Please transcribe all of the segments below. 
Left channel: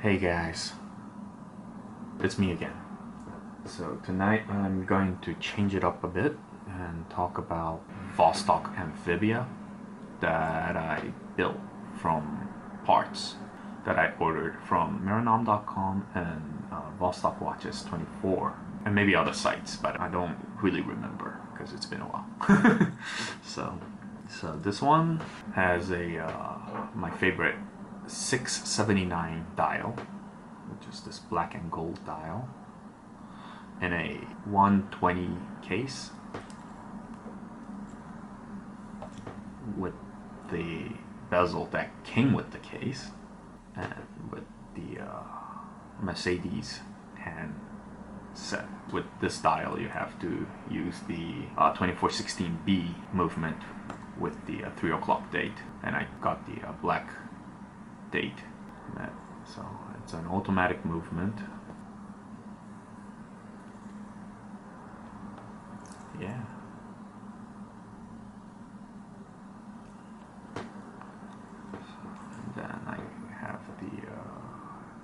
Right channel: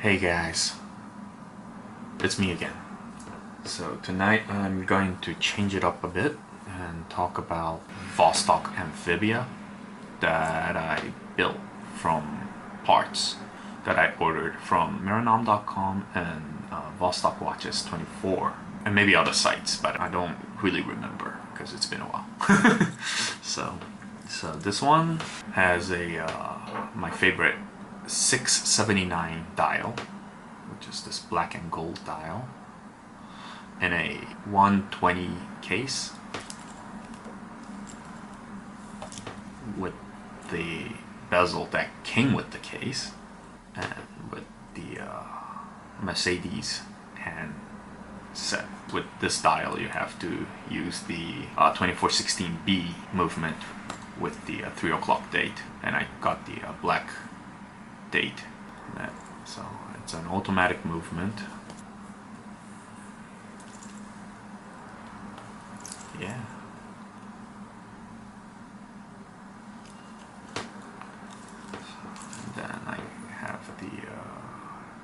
Hey guys, it's me again. So tonight I'm going to change it up a bit and talk about Vostok Amphibia that I built from parts that I ordered from Miranom.com and Vostok Watches 24 and maybe other sites, but I don't really remember because it's been a while. so, so this one has a my favorite 679 dial, which is this black and gold dial, in a 120 case with the bezel that came with the case and with the Mercedes hand set. With this dial you have to use the 2416B movement with the 3 o'clock date, and I got the black date. So it's an automatic movement. Yeah. And then I have the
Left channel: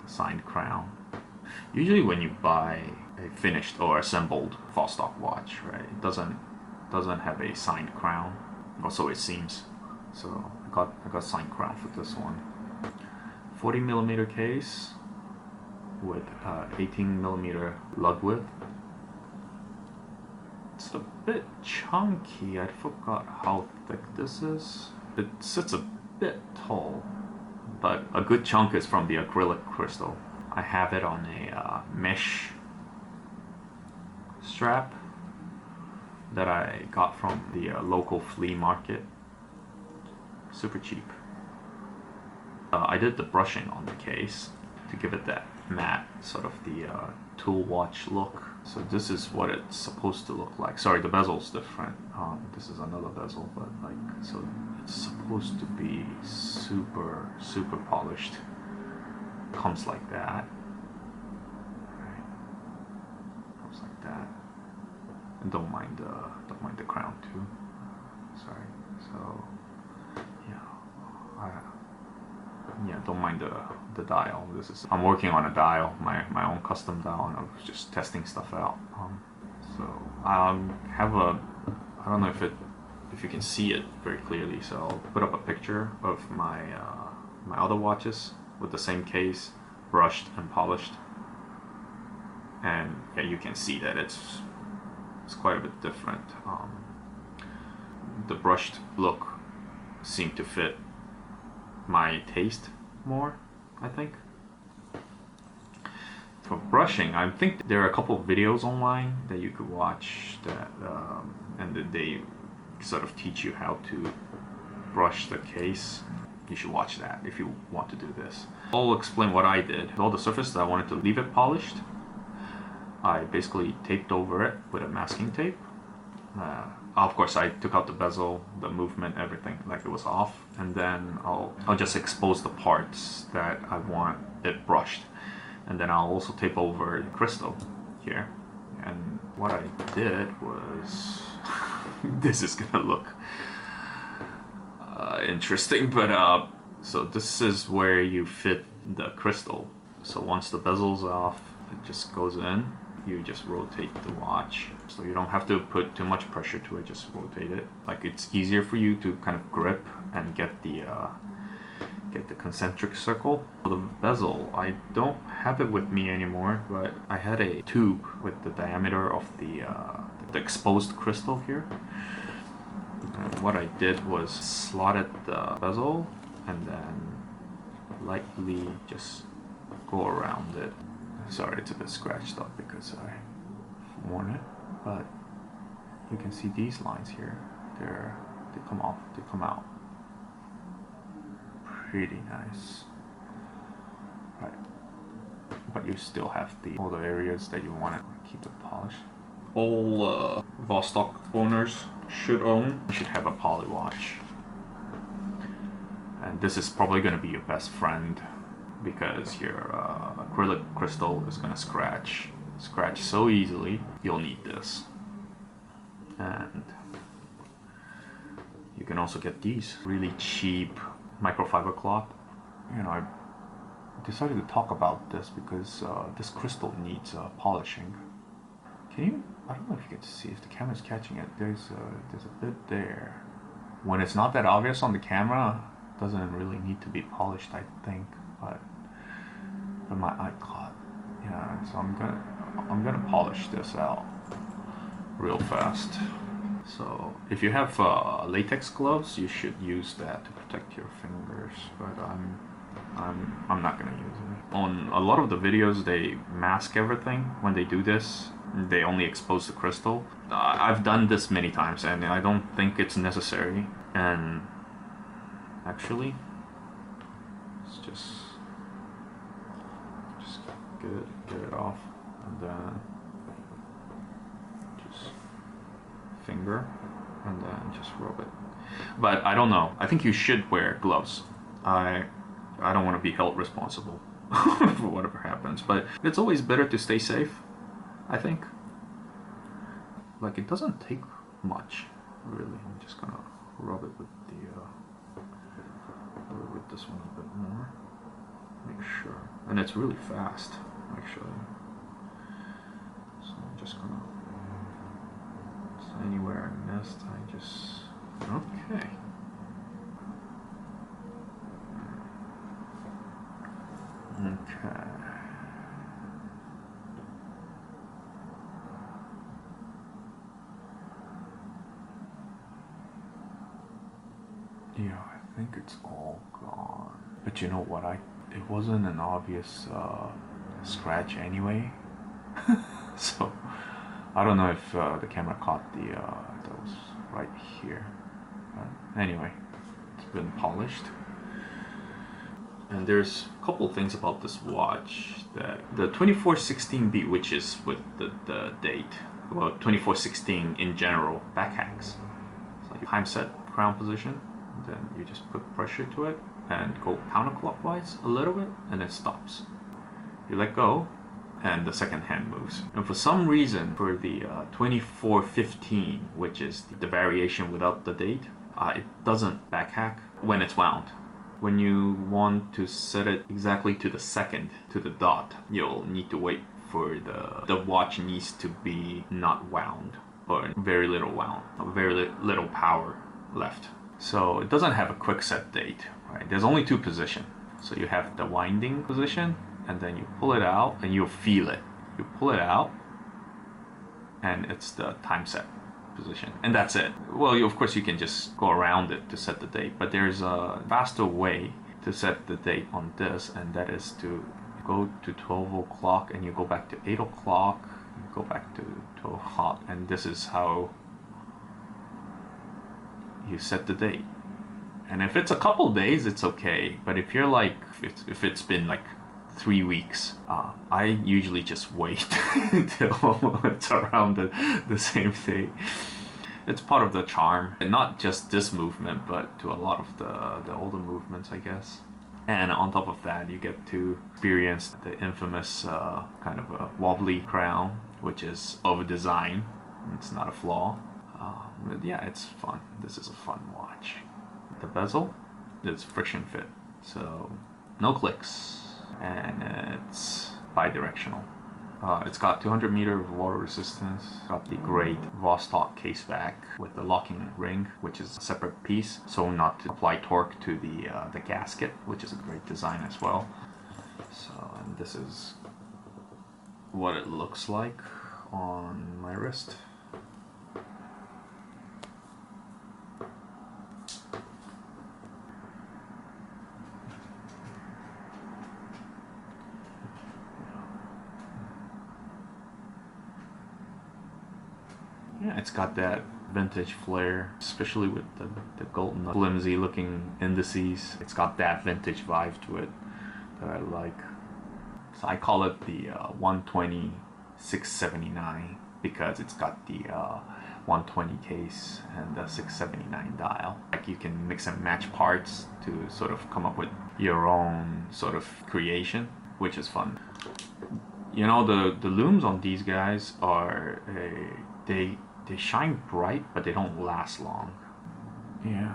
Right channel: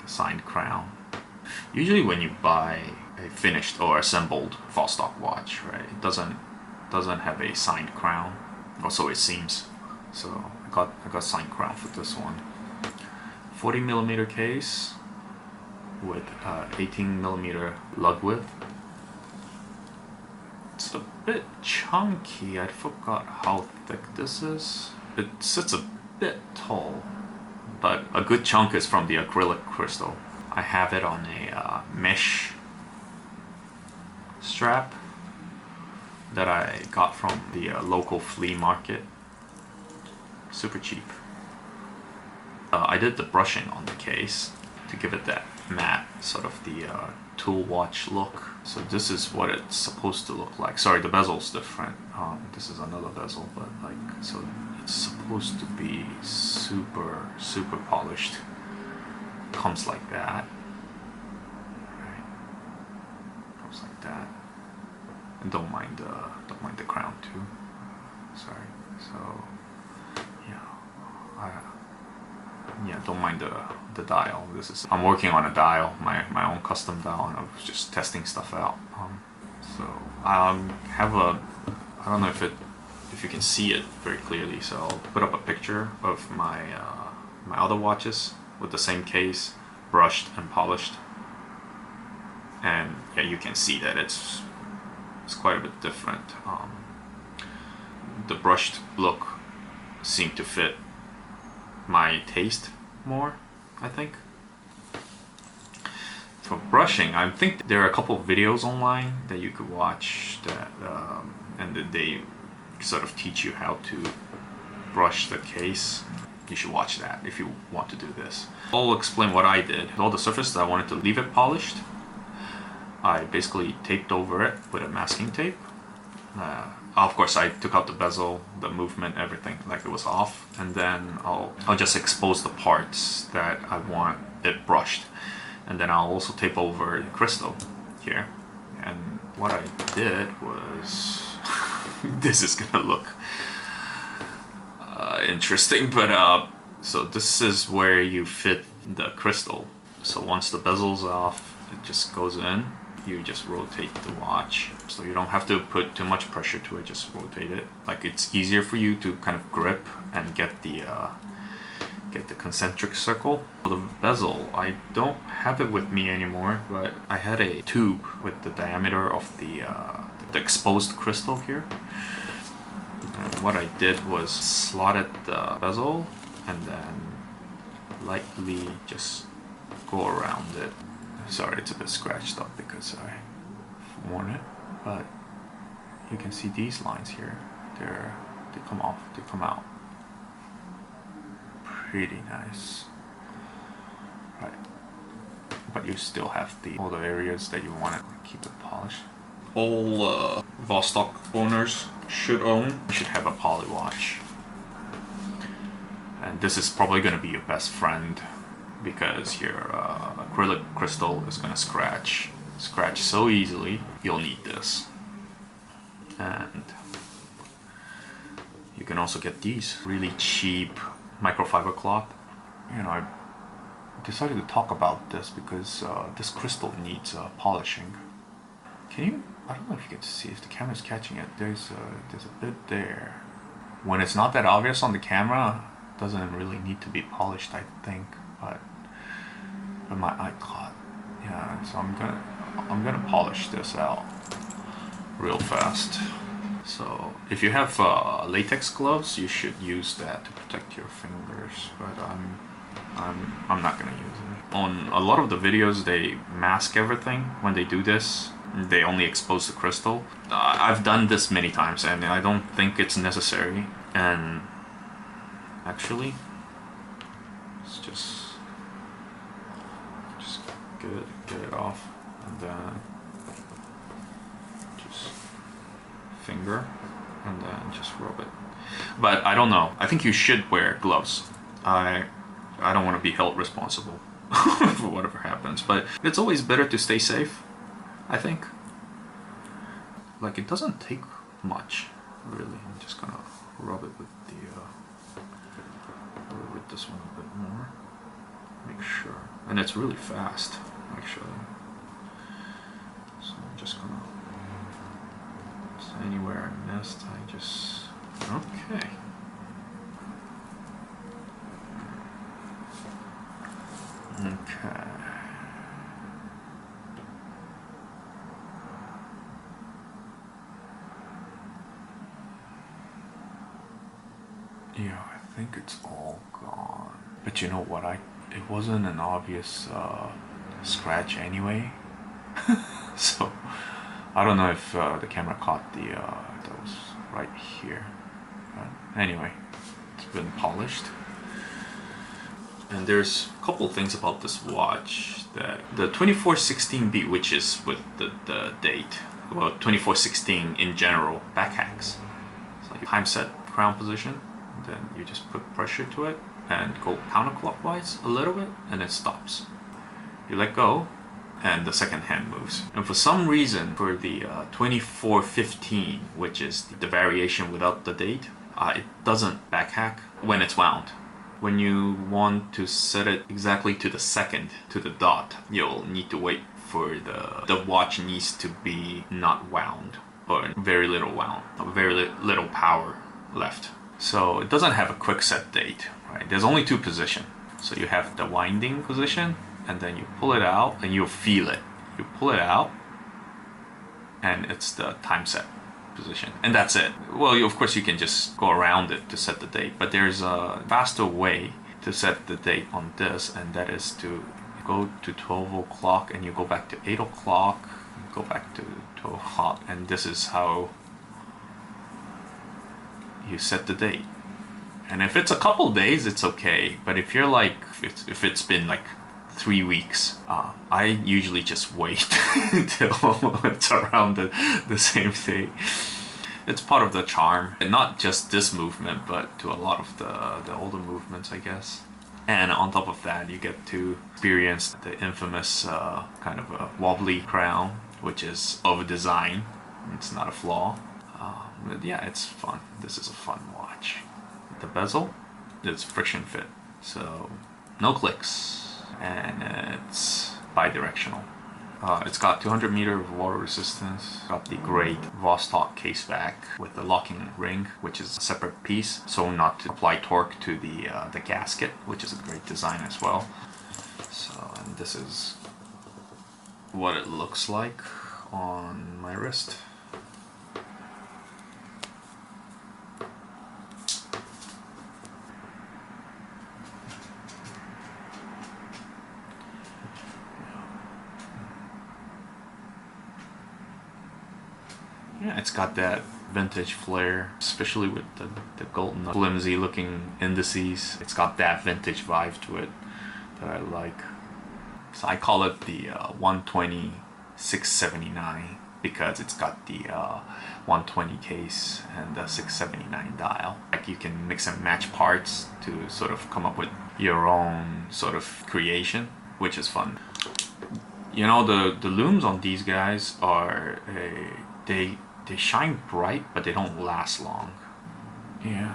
signed crown. Usually when you buy a finished or assembled Vostok watch, right, it doesn't have a signed crown, or so it seems. So I got signed crown for this one. 40mm case with 18mm lug width. It's a bit chunky. I forgot how thick this is. It sits a bit tall, but a good chunk is from the acrylic crystal. I have it on a mesh strap that I got from the local flea market. Super cheap. I did the brushing on the case to give it that matte, sort of the tool watch look. So this is what it's supposed to look like. Sorry, the bezel's different. This is another bezel, but like, so it's supposed to be super polished. Comes like that. Right. Comes like that. And don't mind the crown too. Sorry. So yeah, don't mind the dial. I'm working on a dial, my own custom dial, and I was just testing stuff out. So have a, I don't know if you can see it very clearly. So I'll put up a picture of my my other watches with the same case, brushed and polished, and yeah, you can see that it's quite a bit different. The brushed look seemed to fit my taste more, I think. For brushing, I think there are a couple of videos online that you could watch that and that they sort of teach you how to brush the case. You should watch that if you want to do this. I'll explain what I did. All the surfaces I wanted to leave it polished, I basically taped over it with a masking tape. Of course, I took out the bezel, the movement, everything, like it was off, and then I'll just expose the parts that I want it brushed, and then I'll also tape over the crystal here. And what I did was, this is gonna look interesting, but so this is where you fit the crystal. So once the bezel's off, it just goes in. You just rotate the watch, so you don't have to put too much pressure to it, just rotate it. Like, it's easier for you to kind of grip and get the concentric circle. For the bezel, I don't have it with me anymore, but I had a tube with the diameter of the exposed crystal here. And what I did was slotted the bezel and then lightly just go around it. Sorry, it's a bit scratched up because I worn it, but you can see these lines here. They come off, they come out. Pretty nice, right? But you still have all the areas that you want to keep it polished. All Vostok owners should have a poly watch, and this is probably going to be your best friend, because your acrylic crystal is gonna scratch so easily. You'll need this. And you can also get these really cheap microfiber cloth. You know, I decided to talk about this because this crystal needs polishing. Can you? I don't know if you can see if the camera's catching it. There's a bit there. When it's not that obvious on the camera, it doesn't really need to be polished, I think. But my eye caught. Yeah, so I'm gonna polish this out real fast. So if you have latex gloves, you should use that to protect your fingers. But I'm not gonna use it. On a lot of the videos, they mask everything when they do this. They only expose the crystal. I've done this many times, and I don't think it's necessary. And actually, let's just get it off, and then just finger, and then just rub it. But I don't know. I think you should wear gloves. I don't want to be held responsible for whatever happens, but it's always better to stay safe, I think. Like, it doesn't take much, really. I'm just gonna rub it with the with this one a bit more. Make sure, and it's really fast, actually. So I'm just gonna. So anywhere I missed, I just okay. Okay. Yeah, I think it's all gone. But you know what? It wasn't an obvious scratch anyway. So I don't know if the camera caught that was right here. But anyway, it's been polished. And there's a couple things about this watch that the 2416B, which is with the date, well, 2416 in general, backhacks. So you time set crown position, then you just put pressure to it and go counterclockwise a little bit, and it stops. You let go, and the second hand moves. And for some reason, for the 2415, which is the variation without the date, it doesn't backhack when it's wound. When you want to set it exactly to the second, to the dot, you'll need to wait for the watch needs to be not wound, or very little wound, very little power left. So it doesn't have a quick set date, right? There's only two positions. So you have the winding position, and then you pull it out, and you'll feel it. You pull it out, and it's the time set position, and that's it. Well, of course you can just go around it to set the date, but there's a faster way to set the date on this, and that is to go to 12 o'clock, and you go back to 8 o'clock, go back to 12 o'clock, and this is how you set the date. And if it's a couple days, it's okay, but if you're like, if it's been like 3 weeks, I usually just wait until it's around the same day. It's part of the charm, and not just this movement, but to a lot of the older movements, I guess. And on top of that, you get to experience the infamous kind of a wobbly crown, which is over design. It's not a flaw. But yeah, it's fun. This is a fun watch. The bezel is friction fit, so no clicks. And it's bi-directional. It's got 200 meter of water resistance. Got the great Vostok case back with the locking ring, which is a separate piece, so not to apply torque to the gasket, which is a great design as well. So, and this is what it looks like on my wrist. Yeah, it's got that vintage flair, especially with the golden flimsy looking indices. It's got that vintage vibe to it that I like. So I call it the 120 679 because it's got the 120 case and the 679 dial. Like, you can mix and match parts to sort of come up with your own sort of creation, which is fun. You know, the looms on these guys are they shine bright, but they don't last long. Yeah.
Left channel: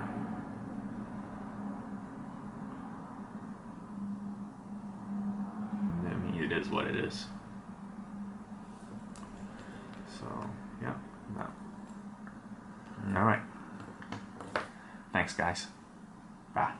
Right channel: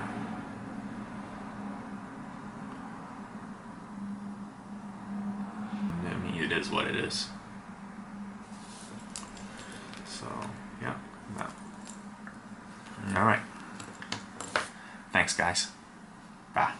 it is what it is. So yeah, all right. Thanks, guys. Bye.